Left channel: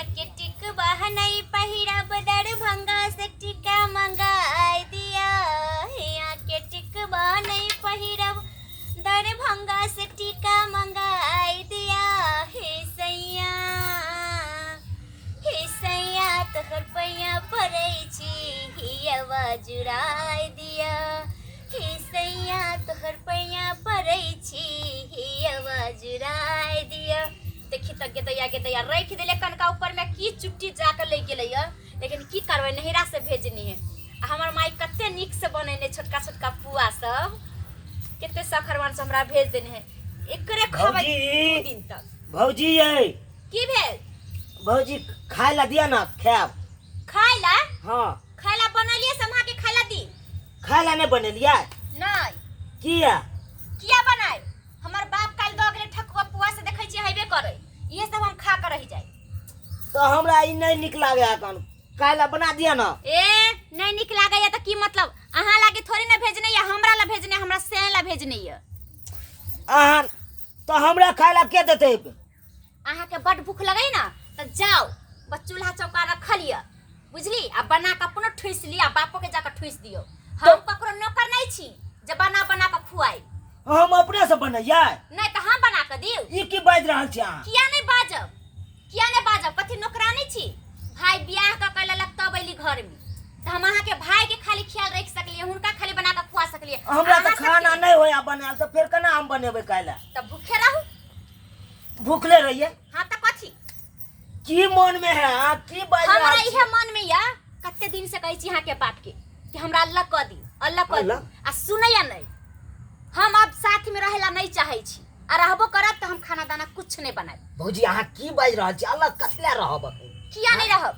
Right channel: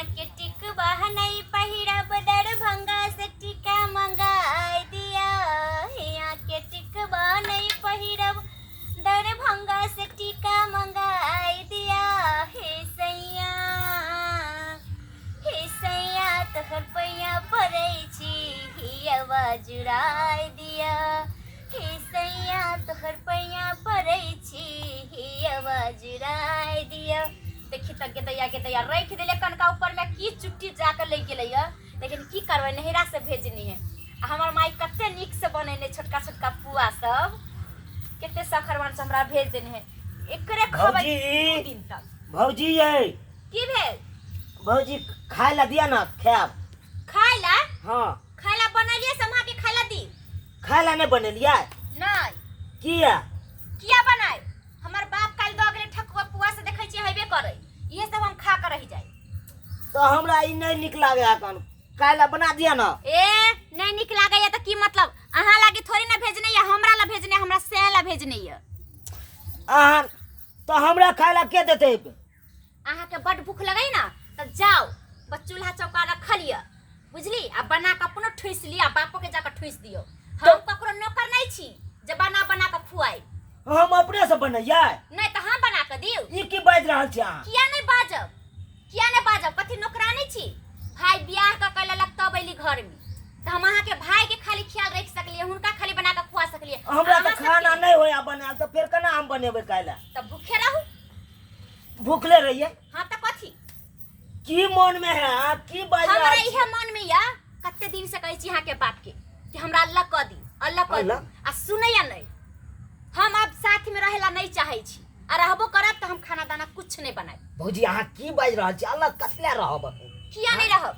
यहाँ के टिकवा नहीं पहिरब दरभंगा से टिका मंगाई दिया। यहाँ के टिकवा नहीं पहिरब दरभंगा से टिका मंगाई दिया। हे सैया तोहर पैया पड़ै छी हियवा जुड़ाई दिया। हे सैया तोहर पैया पड़ै छी हियवा जुड़ाई दिया। देखी तक के दैया रख दिले कनका ऊपर में की चुट्टी जाकर ले गेलै लेकिन की करबै नहिरा से भेजनी है। हमर माई कते निक से बनेने छोटका छोटका पुआ सब कते सखरवन से हमरा भेज देने है। एकरे खबै दिन तक। भौजी ये की भेल भौजी खाए ला दिया ना खाब खाए ला। हां खाए ला बनलिए समा के खाए ला दी। खाए ला नहीं बनेलिया नहीं किया बनाए हमर बाप काल द गेले ठकुआ पुआ से देखै छी हेबे करे ये सब हम खा कर रह जाए। तो हमरा ई नहीं निक लागे अखन खाए ला बना दिया ना। ए नहीं निक लागे त की मतलब अहाँ लागे थोड़ी ना भेजने या हमरा ला भेजने हमरा से ला भेजने ये। अहाँ तो हमरा खाए ला के देते। अहाँ के बड भूख लगई ना त जाओ बस चूल्हा चौका रख लिया बुझली आ बना के अपनो ठुस लिया बापो के जाकर ठुस दियो। हम ककरो नौकर नहीं छी जे बना के खुआई। हम अपने से बनैया नहीं त हम बना के दियो। ई की बाज रहल छी अहाँ? किया नहीं बाजब कथि नौकरानी छी। भाई बियाह क कैला लगता बैली घर में त हम अहाँ के भाई के खाली ख्याल रख सकलिए हुनका खाली बना के खुआ सकलिए। हमरा त खाना नहीं होया बनाल त फिर केना हम बनेबे काला? त भूखे रहू भूखले रहिए। हां त कथि की मन में है की बाज रहल हमरा छी? इहे मन में या कते दिन से कहै छी अहाँ के बात के कि हमरा अल्लाह क दी आ सुनैया नहीं। हम अब साथ में रहेला नहीं चाहे छी आ रहबो करब त हम खाना दाना कुछ नहीं बनाए। भौजी अहाँ की बाज रहल छी? अल्लाह कसले रहब किया नहीं रहब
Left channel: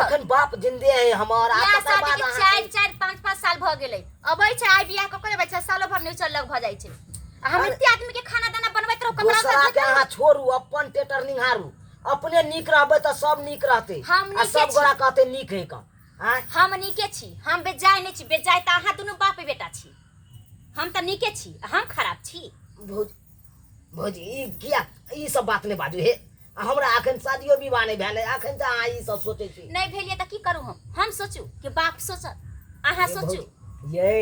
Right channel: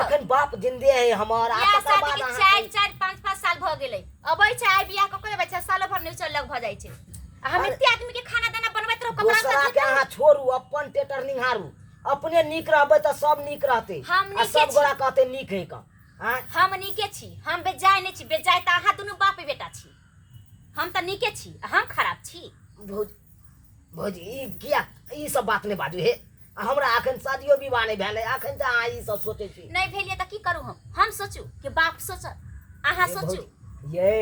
अखन बाप जिंदे है हमार आ या तकर शादी बाद के 4 5 साल भ गेलै अबै छै आइ बियाह क करे बच्चा सालो भर नहीं चलक भ जाय छै। हम एते आदमी के खाना दाना बनबैत रहू ककरा दूसरा के अहाँ छोड़ू अपन टेटर निहारू अपने निक रहबे त सब निक रहते हम आ नीके सब छी। गोरा कहते निक है का हम नीके छी हम बेजाय नहीं छी बेजाय त अहाँ दुनु बाप बेटा छी। हम त नीके छी हम खराब छी। भौजी ई किया ई सब बात नहीं बाजू हे। हमरा अखन शादियो विवाह नहीं भेले अखन त अहाँ ई सब सोचे छी। नहीं भेलिए त की करू हम सोचू कि बाप सोचत अहाँ सोचू। ये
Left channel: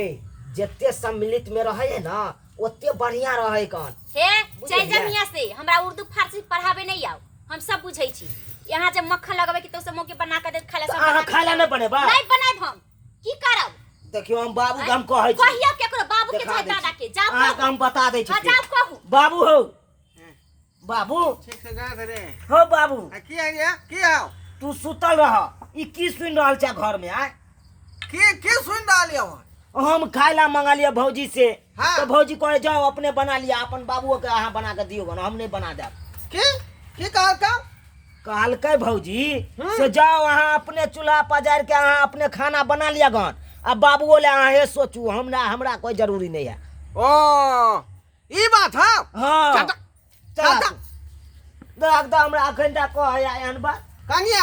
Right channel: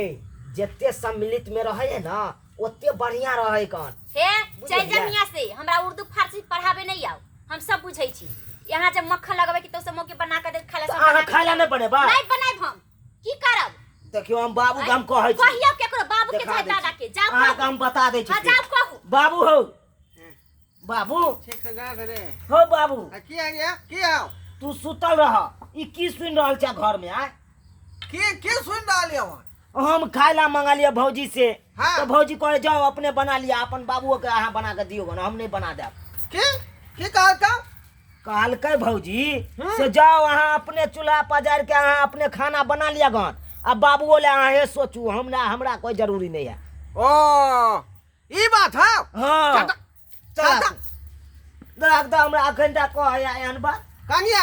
जत्ते सम्मिलित में रहे है ना ओते बढ़िया रहे कन। हे जय जमिया से हमरा उर्दू फारसी पढ़ावे नहीं आओ हम सब बुझै छी। यहाँ जब मक्खन लगावे कि तो सब मौके बना के दे खाला सब अहाँ खाला नहीं बनेबा नहीं बनाइब हम की करब। देखियो हम बाबू के हम कहै छी कहियो केकरो बाबू के चाहे दादा के जाओ अहाँ हम बता दै छी। जाओ कहू बाबू हो बाबू ठीक से गा करे हो बाबू की आ गया की आओ तू सुतल रह ई की सुन रहल छ घर में आ की सुन डालिए वहां हम खाइला मंगा लिया भौजी से। हाँ। तो भौजी कहे जाओ अपने बना लिया अपन बाबू के अहाँ बना के दियो हम नहीं बना देब। की कहल का कहलकै भौजी से जाओ अहाँ अपने चूल्हा पजार के अहाँ अपने खाना बना लिया गन अब बाबू ले अहाँ हे सोचू हमरा कोई जरूरी नहीं है। ओ ई बात है हां चल देख द हमरा अखन तक कह एहन बात कनिया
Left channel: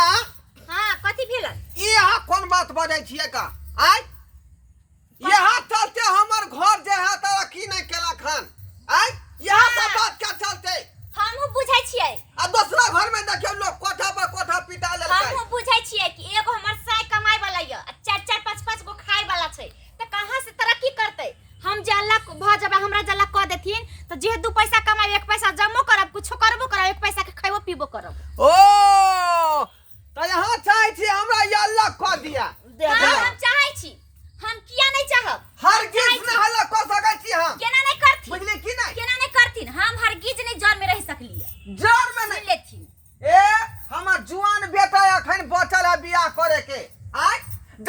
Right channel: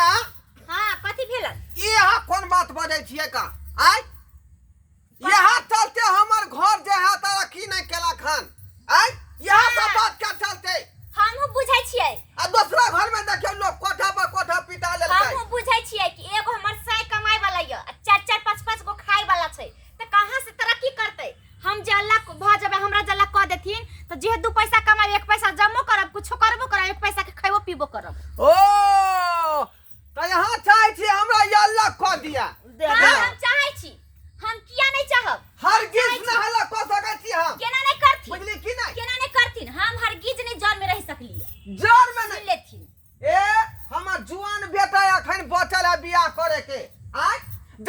हां कथि भेलन ई यहाँ कौन बात बजै छिए का आय यहाँ चलते हमर घर जे है तारा की नहीं केला खान आय यहाँ सब बात का चलते हमहु बुझै छियै आ दूसरा घर में देखियो लोग कोठा पर कोठा पिटा लेलकै। हमहु बुझै छियै कि एगो हमर साय कमाई वाला य आ 4 5 गो खाय वाला छै त कहां से तरक्की करतै। हम जे अल्लाह भ जबे हमरा जल्ला क देथिन त जे 2 पैसा कमाई 1 पैसा जमो करब कुछो करबो करब 1 पैसा के खैबो पीबो करब। ओ तो यहाँ चाहे छी हमरा ये अल्लाह क दिया हम चाहै छी हम किया नहीं चाहब हरगिज न हल्ला क सकै छी हम केना नहीं करथिन बुझली की नहीं केना नहीं करथिन हम हरगिज नहीं जर में रह सकलिए जर में नहीं लेथिन। ए हमर जुआन बेटा अखन बचल है बियाह करे के आय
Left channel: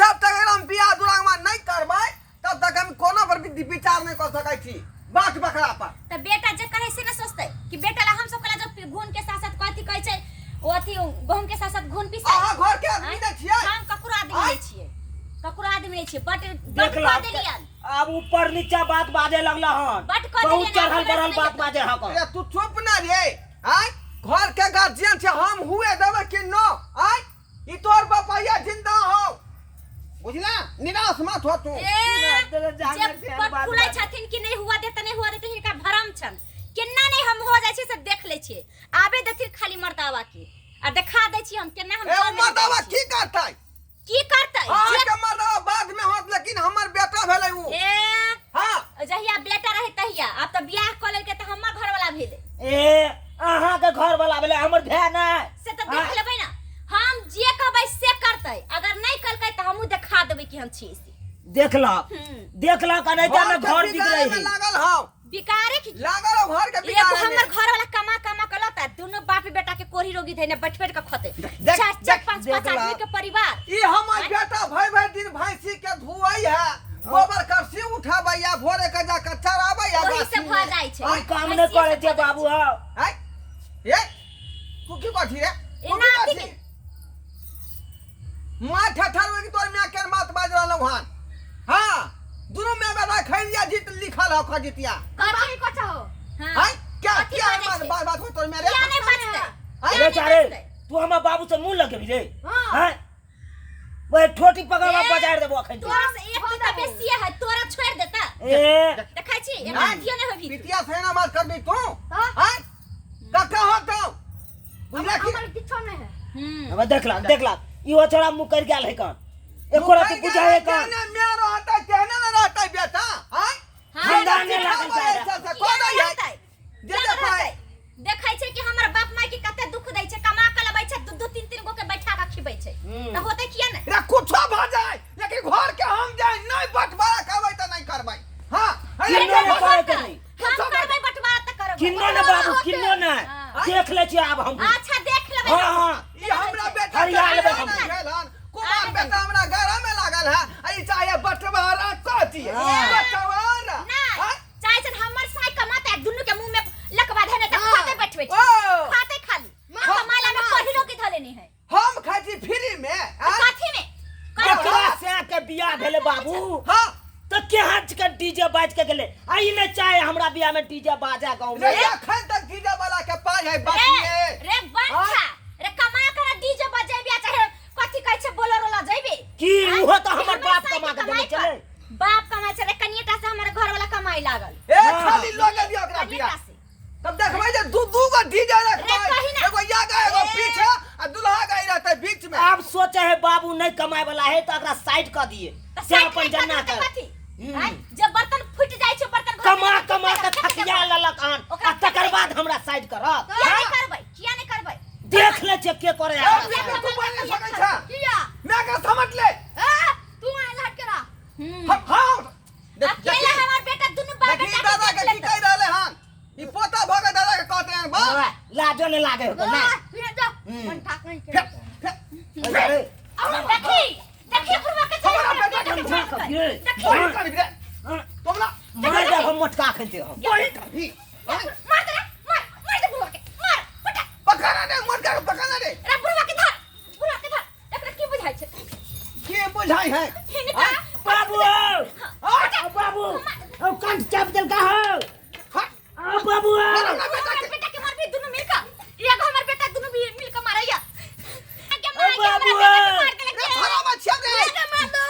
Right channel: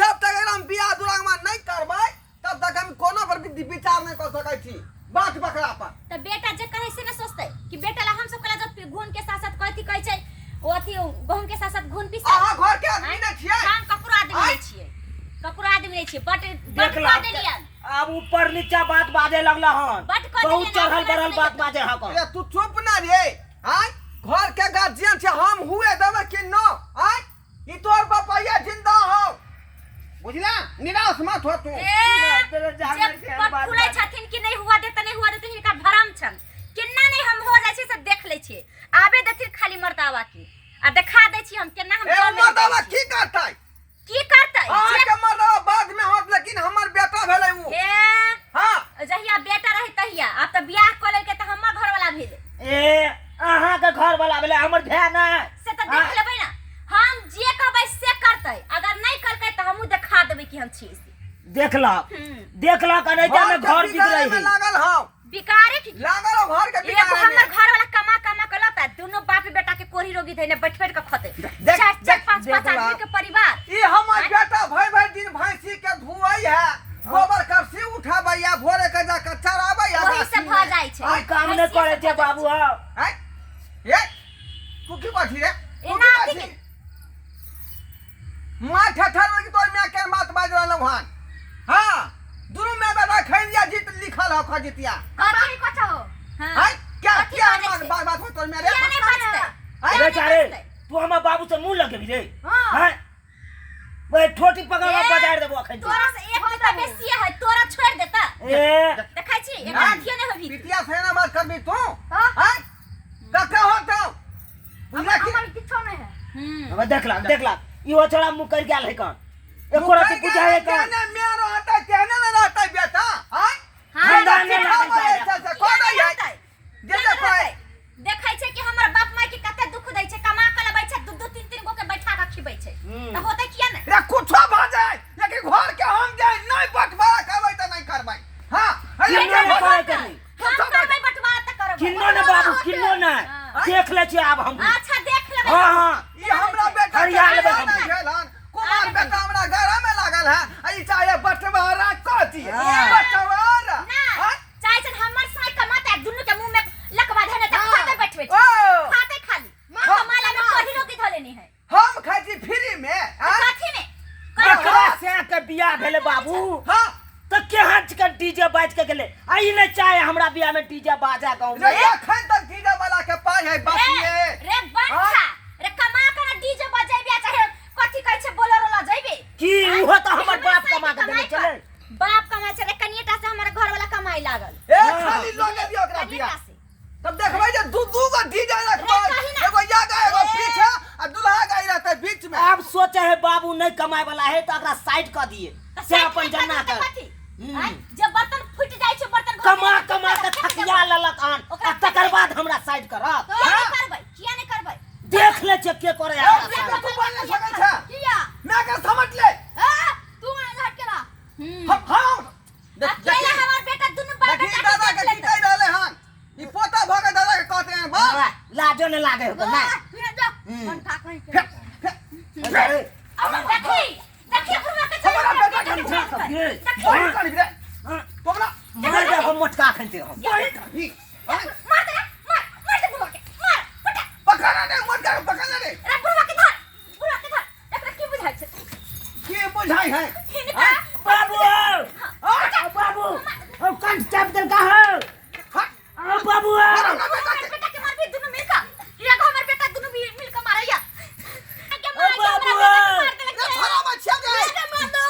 जब तक हम बियाह दुरागमा नहीं करबै तब तक हम कोनो पर विचार नहीं कर सकै छी बात बकरा पर। त बेटा जे कहे से न सोचतै कि बेटा ला हम सब कला जब घून के साथ कथि कहै छै ओ अथि गहूम के साथ घून पिसा अहाँ घर के आदमी नहीं छियै हम ककरो आदमी नहीं छियै ककरो आदमी नहीं छियै बट देख ला अब ऊपर नीचा बात बाजे लगला हन बट कह बहुत देलियन, चढ़ल अपना बढ़ल से बात नहीं बाजे हक ए तू चुप ना रे आय घर के गार्जियन छे हम हुए देबे कि नो आय ई तोर बापैया जिंदा हो बुझला निराश मत हो तू। खुलै छथिन कि नहीं हुआ देते नहीं हुआ देते हिनका भरम छन केना नहीं हम हो जाय छै से देख ले छै आबे देथिन खाली मर्दावा के आ देखा दै छी हम केना हम ए घर में मर्दवा रहै छी। की करतै की करतै आज जे के मर्दवा बाद में होत लेकिन हमर बेटा भेलै उ ए हां जहिया बेटा रहे तहिया अब तो बियाह क लेलकै त हमर घर वाला भेलै ए अहाँ के घर वाला भेले हमर भाई ना से त देख लेबै ना हम जे कहबै से करतै अगर नहीं करतै त हमहू देखा देबै कि हम छी से देखलक अनैता में घर बिक रही है लागल हौ बिकारे की लागल हौ घर के एगो बिगाड़े हमर में घर वाला कमा के लाता दोनों बाप बेटा के कोढ़ी रोगी थे ने बैठ के खते देख, चार देख, पांच देख ला। आदमी के परिवार ई हमर बेटा भई दिन भैंसी के धुआई है गोबर करसी उठाबै या भोरे के जा के चराबै या वही से भ जाय छै हम काम नहीं करे थे बाबू हो हैं ये तू की बाठी रे एना अथी मां ठठर में तोर में के बात बाज रहलौ हन हां दुनु में बेटा खैलिया जीत लिखल हो खजितिया कथि कथो हैं हां क्या कथी क्या बाजै छै? बात तोर में रे क्या नहीं बचतै हैं? अरे चारे तू हमर बाबू से मुंह लगे रे हाँ। हैं वो ठोटी पकड़ के बजाड़ देबो अखन तोरा से एक पिता बेसी है तोरा छोड़ देता ए देखै छी एक हैं? अथियो नहीं होबी पितिया से ना बात करबी तू हां हैं कक्का होतौ बुझला कि हमर किछो नहीं है अब देखला इहो छोड़ा मुंह कर गेल है कन एको रति बुझाए कन ना मेरो हटा कहने ना रहता बेटा हैं खानदान में लागल से कोन है जे जे पाए देखै छै कि हमर बाप माय के कते दुख दै छै कमा के लबै छै दू तीन तीन गो के बैठा के खिबै छै त होतै किया नै रे कुछो भ जाए लेकिन घर के हम जाए नहीं बंटवारा करबै त नहीं करबै हां किन्नो ने करे के नहीं हम करबै बंटवारा त करबै किन्नो ने बाबू किन्नो ने देख ले छी आब हम अच्छा देख लेबै हां ई हमरा बेटा हरिया लेबै हम। कुमार बेटा हमरा घर में लागल है ई चाहे बंटवारा कथी हाँ। बंटवारा ना चाहे छै हमर साई कमाते दुनु के मुंह में लकवा धने त खाते बैठबै ओ खाते खाली कमाला में कोही रोकी धले नहीं है हम खाई छी फ्री में हैं? कथि में एकरा से के बियाह भेले बाबू हां तो केहाँ के डीजे बाज के गेले आई ने चाहे हमरा बियाह में डीजे बाजा गांव में रे एखन तक डीजे वाला के पाई है बाकिए रे बंठा रे कमा के डीजे बजेबे चाहे कथि कहै छै बोलेरो ला जइबे की उहो तो हमर बाप कमा के देने चले बाप कमाई छै रे कनिएटा से हमर घर वाला कमाई लागल ए खाली लगे दियो ओकरा बिया कनिएटा से तब देखबै जे दू गो डीजे रखबै रे कही ना। एगो यागा एगो ए। पीछे आ दुल्हा गाई रहतै बीच में अब सोचे है बाबू नहीं कमाए वाला है तो एकरा साइड कर दिए त से साइड अपन में जन्ना करतै कर कथि आइ जब बर्तन फुट जाय छै बर्तन घर कमा में कमा के रखतै, थकिया ललक हन ओकरा आ तकर बाद हमरा साइड करब किया नहीं करबै किया नहीं करबै देख ले छे के करे ए, है देखो तू बोल नहीं सकै छै किया मैं के समझ ले तू आ लट के हां अकेला हमर बेटा दुनु बाप देखी बेटा दादा के की कह रहले हन ई पोता भगे दादा के कहते हैं बा लाजो ने लागे हो ना अरे देखी बुढ़वा के हमरा बेटा के समझा कर ये बोल कर रे तोमला मार दे हम मोटका खनते हम बोल कर मार दे बुढ़वा के मार पटा पकड़ना दे मत कर पकड़ना दे रे बुढ़वा के धर एकरा की बुझाइ छै की बुझाई है बाबू बाबू अब कंठ कैपिटल का हो हट बाबू हमरा बेटा के बेटा के मार भी दुनु मिलकर एगो हमर बेटा दुनु मिलकर मारैया बाबू रे थोड़ा मत दे रे मार दो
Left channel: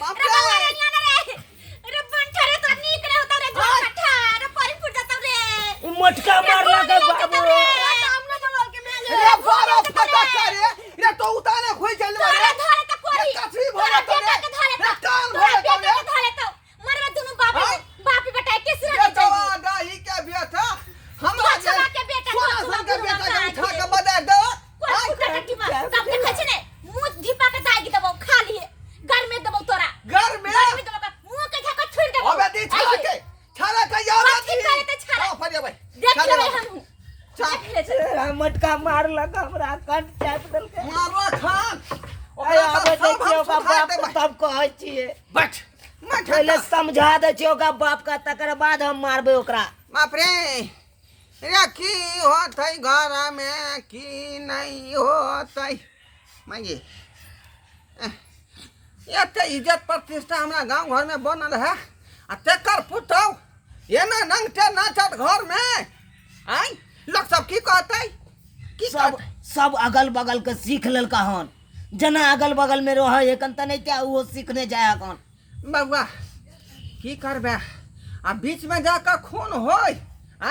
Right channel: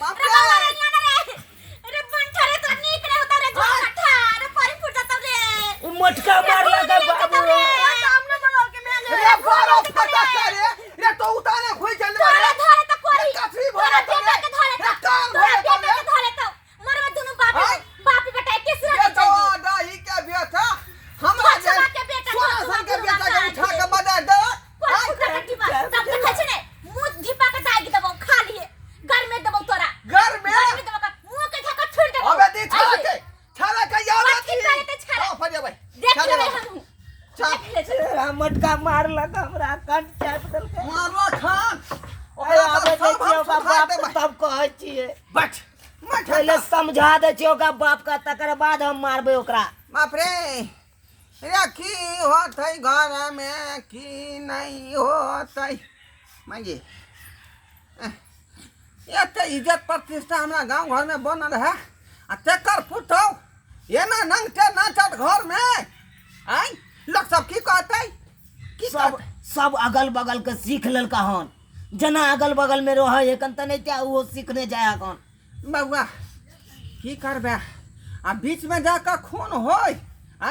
बाप रे रे। रे बंठा रे तो नीक रे होता रे घर कट्ठा रे पानी फुट जाता रे मोटका मार लगा बाबू रे बारो फटा करे रे तो उताने खोई चल तोरा धरे त कोरी कथी भरे तो बेटा के धरे रे त कान तोरा भरे तो बेटा के धरे त मरवे दुनु बाप हाँ? बाप बेटा के सिर ये तो दाई के बेटा हमरा जे छोरा के बेटा, सोना छोरा सन के बुढ़वा बेटा के के उठा के बजा दे कोन फुटा के टिपा तब देखै छै ने मुंह धिपा के दागी देबो खा लिए घर में देबो तोरा घर में घर में देबो मुंह के झका छोड़ देबो अबे दी छाला के याद कथी आती करे त छाला? हां फरिया भाई देख लेबै हम चल देख ले छै मटका मार लगा हमरा कंठ कैपिटल के मारवा खान अरे आबे देखियो का बाप तब कहै छिए बच मैं पहले समझा दे छियो का बाप का तकर बाद हम मारबे ओकरा बाप रे रे की होत है घर में की नहीं होत है मांगे ये ते इज्जत प्रतिष्ठा हमरा गांव घर में बनल है आ तेकर पुतौ ये ना नंगटे नाचत घर में आई लोग सब की कहते की सब सब अगल बगल के सीख लेलका हन जना अगल बगल में रह एकन त नहीं क्या वो सीखने जाया कौन बउआ की करबे आ बीच में जाकर खून होय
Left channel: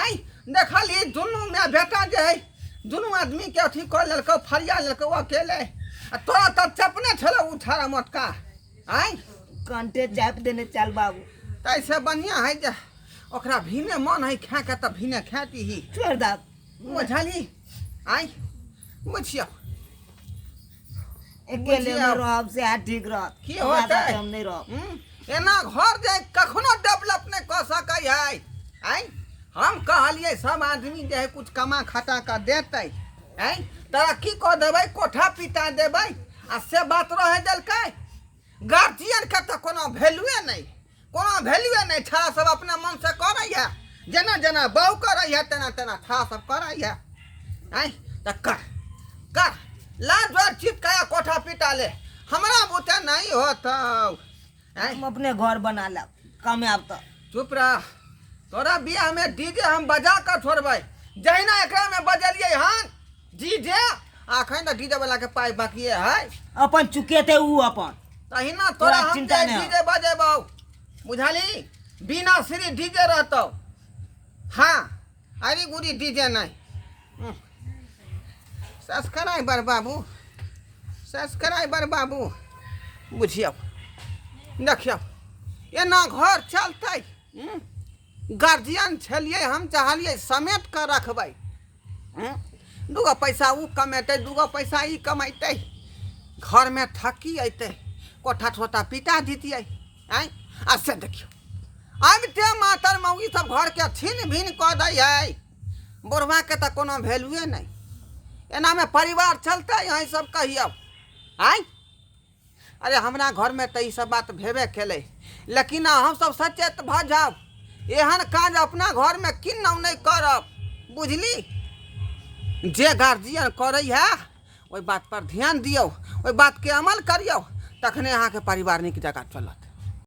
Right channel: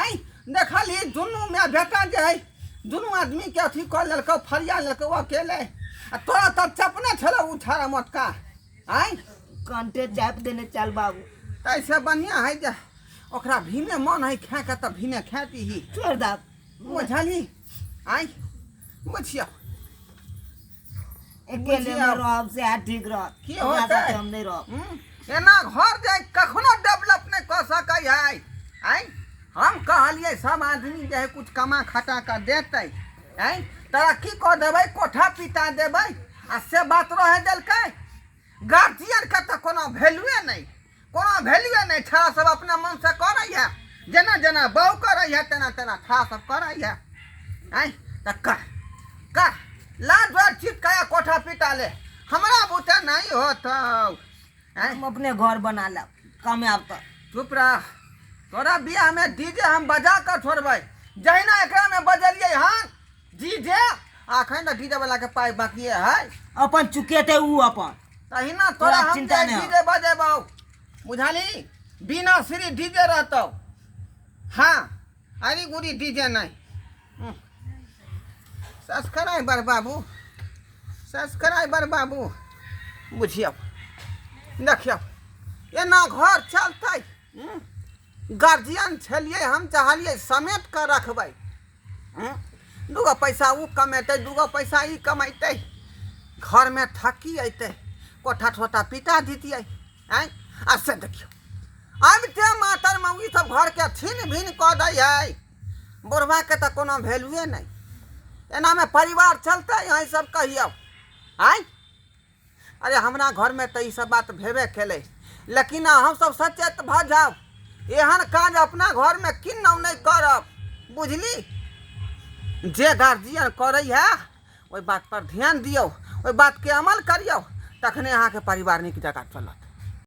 आई देखली दुनू में बेटा जे है दुनू आदमी के अथी कर लेलकौ फरिया लेलकौ अकेले आ तोरा तो चपने छलो उछारा मोटका आय कंटे जाप देने चल बाबू ऐसे बढ़िया है जे ओकरा भीने मन है खा के तो भीने खाती ही छोड़ दा बुझली आय बुझिया अकेले में रहब से ठीक रह की होतै? हम नहीं रह एना घर जाए कखनो डेवलप नहीं कर सकै है आय हम कहलिए सब आदमी जे है कुछ कमा खटा कर देते आय तोरा की कह देबै कोठा पिटा देबै आ से बात रह देलकै गार्जियन के तो कोनो वैल्यूए नहीं छड़ा सब अपने मन से करैया जेना जेना बहू करैया तेना तेना छड़ा सब करैया आय त कर लाज वाज चिपकाया कोठा पिटा ले हमरा बुते नहीं होतौ आय हम अपने घर बना ला कामयाब तो चुप रह तोरा बियाह में डीजे हम बजा कर छोड़बै जहिना एकरा में बजलिए हन डीजे आखन त डीजे वाला के पाई बाकी है अपन चुके थे ऊ अपन तहिना तोरा हम चिंता नहीं हो। डीजे बजेबौ बुझाली बिना श्री डीजे रहतौ हाँ अरे गुरी डीजे नहीं सब्सक्राइबर बाबू बुझियौ देखियौ एना घर चलतै गार्जियन छलिए हम चाहलिए समेट कर रखबै दूगो पैसा ऊ कमेतै दूगो पैसा ई कमेतै घर में थकी अइतै कोठा ठोठा पिटा दितियै आय आ से देखियौ अब ते मातर मौगी सब घर के छीन भिन कऽ दै है बुढ़वा के तो कोनो वैल्यूए नहीं एना में परिवार चलते यहाँ सब कहियो आय अरे हमरा घर में तो ये सब बात भेबे केले लेकिन हम सब सचेत भ जाओ एहन काज अपना घर में किन्नौ नहीं करब बुझली जे गार्जियन करे है ओई बात पर ध्यान दियो ओई बात के अमल करियो तखने अहाँ के परिवार नीक जगह चलत।